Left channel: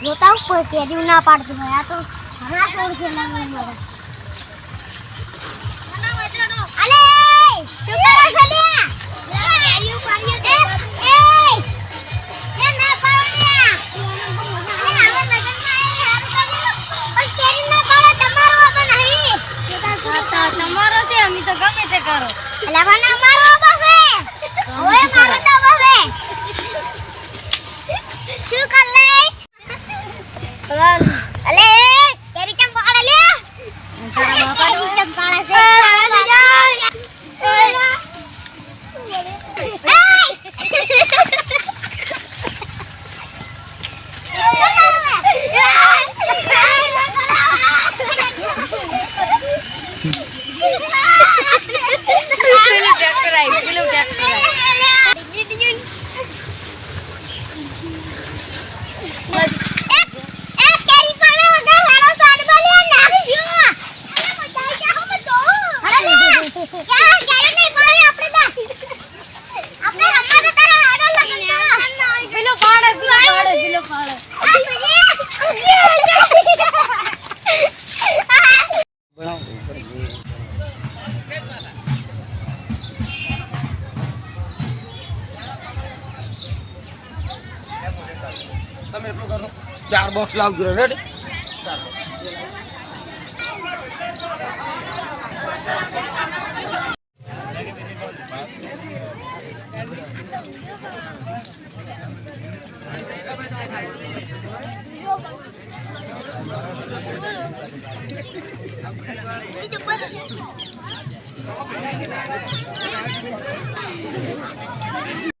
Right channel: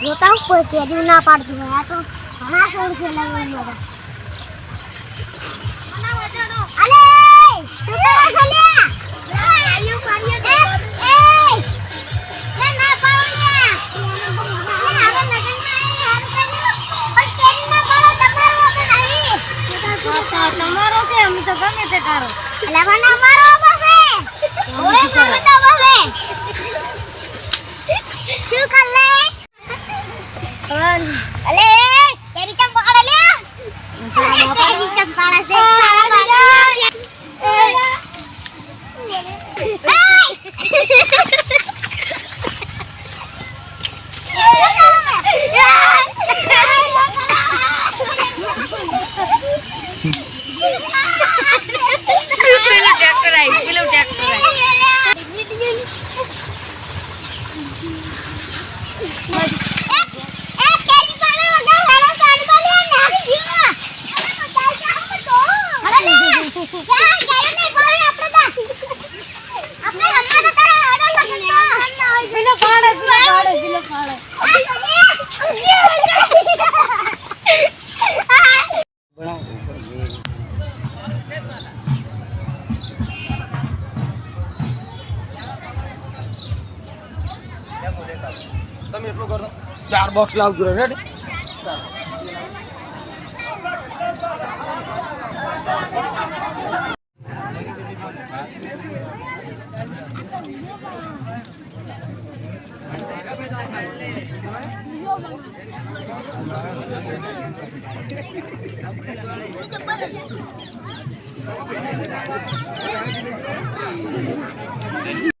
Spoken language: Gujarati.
જોતા કોઈ કેરી ના પાડતી હોય આ તો ઘણા છોડ છે લાગી મારે મના વજાડો અલે તું તારા છલિયા આયુ કાર્ય એ ના પાવલિયા હવે લગનમાં હાર કર્યું પણ કેરી ના પાડો તમારો હવે નહીં તમારો છે અમે તો ગમે તે કરો અલે પણ અમારો બસે ઓય મારો તો બસે શું કર લે અલે કેરી કેમ પકડ લે તારા બાપા ની કેમ પાડે છે તમે એટલું કરો 4 બોક્સ લાવજો રેડી